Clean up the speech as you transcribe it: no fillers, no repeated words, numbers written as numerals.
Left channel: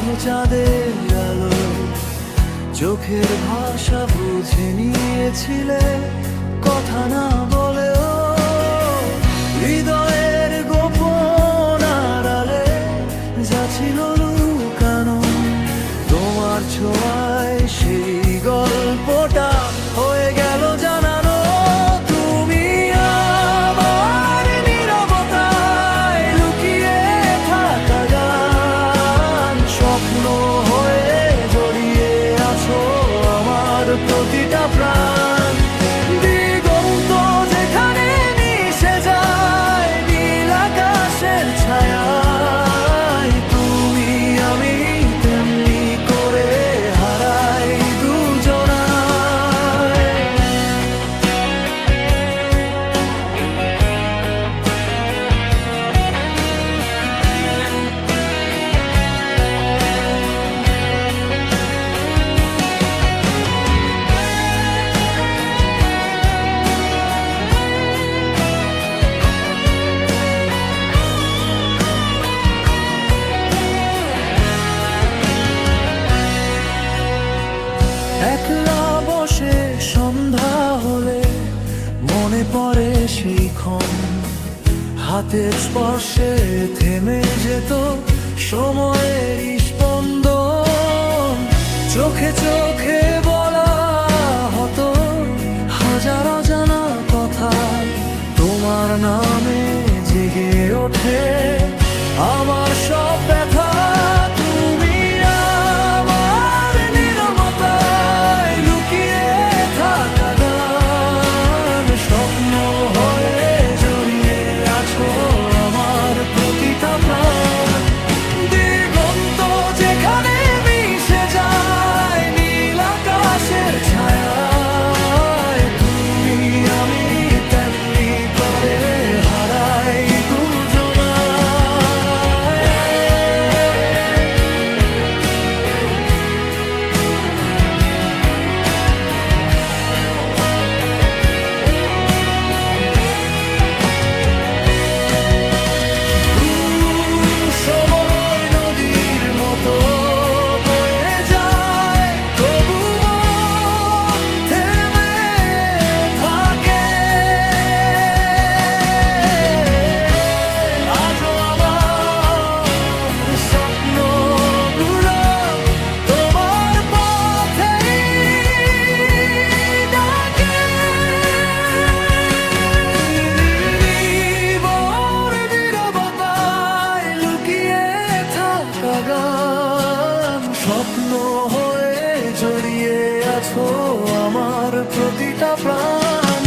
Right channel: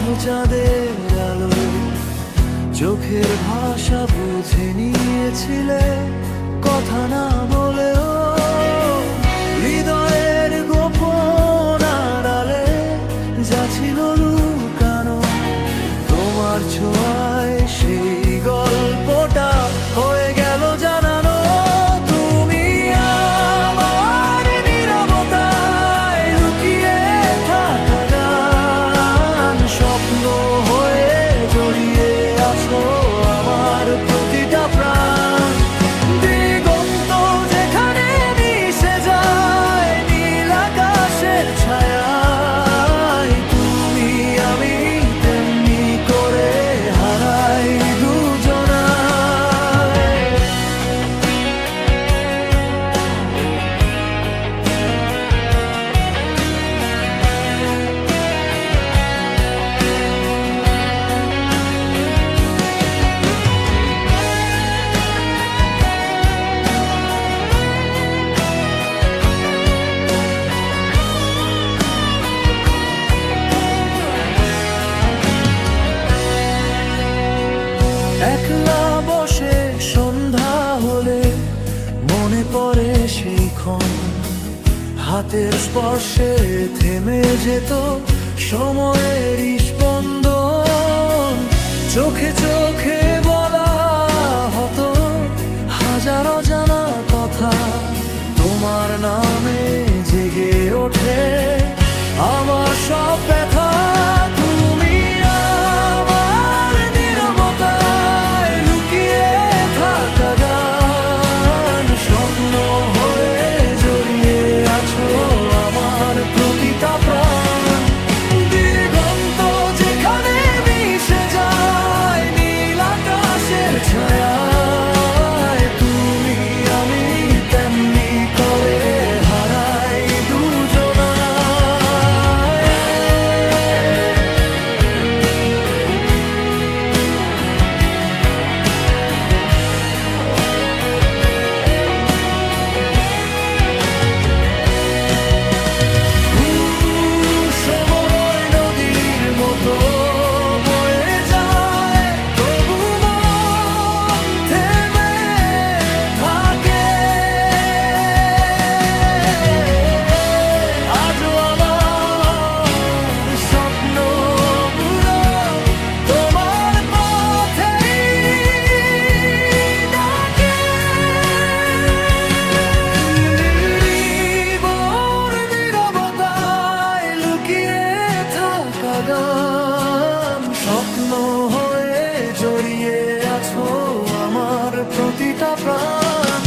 আধো চাঁদের আলোয় চোখের ভাষা বুঝে নিয়েছিলে, কথা না বলেও হৃদয়ের গোপন আড়ালে যা ছিল লুকানো, তোমার ছোঁয়ায় সেই গল্পটা হয়ে গেল জানানো। তুমি আমার নীরবতায় লুকিয়ে থাকা গান, স্বপ্ন হয়ে জড়িয়ে আছো আমার প্রতিটা প্রাণ। দিগন্ত যেখানে মিশে যায় নীল আকাশের ছায়ায়, তুমি আমি তেমনি করে হারাই দুজনায়। একলা বসে সন্ধ্যা হলে মনে পড়ে সেই ক্ষণ, হাতের স্পর্শে থেমে যেত সময়ের স্পন্দন। চোখে চোখে বলা হতো হাজার অজানা কথা, তোমার নামে জেগে ওঠে আমার সব ব্যথা। তুমি আমার নীরবতায় লুকিয়ে থাকা গান, স্বপ্ন হয়ে জড়িয়ে আছো আমার প্রতিটা প্রাণ। দিগন্ত যেখানে মিশে যায় নীল আকাশের ছায়ায়, তুমি আমি তেমনি করে হারাই দুজনায়। সময় নদীর মতো বয়ে যায়, তবু মন থেমে থাকে। আজও আমার স্বপ্নগুলো তোমার পথেই ডাকে। নির্ভর নীরবতায় লুকিয়ে থাকা গান, স্বপ্ন হয়ে জড়িয়ে আছো আমার প্রতিটা প্রাণ।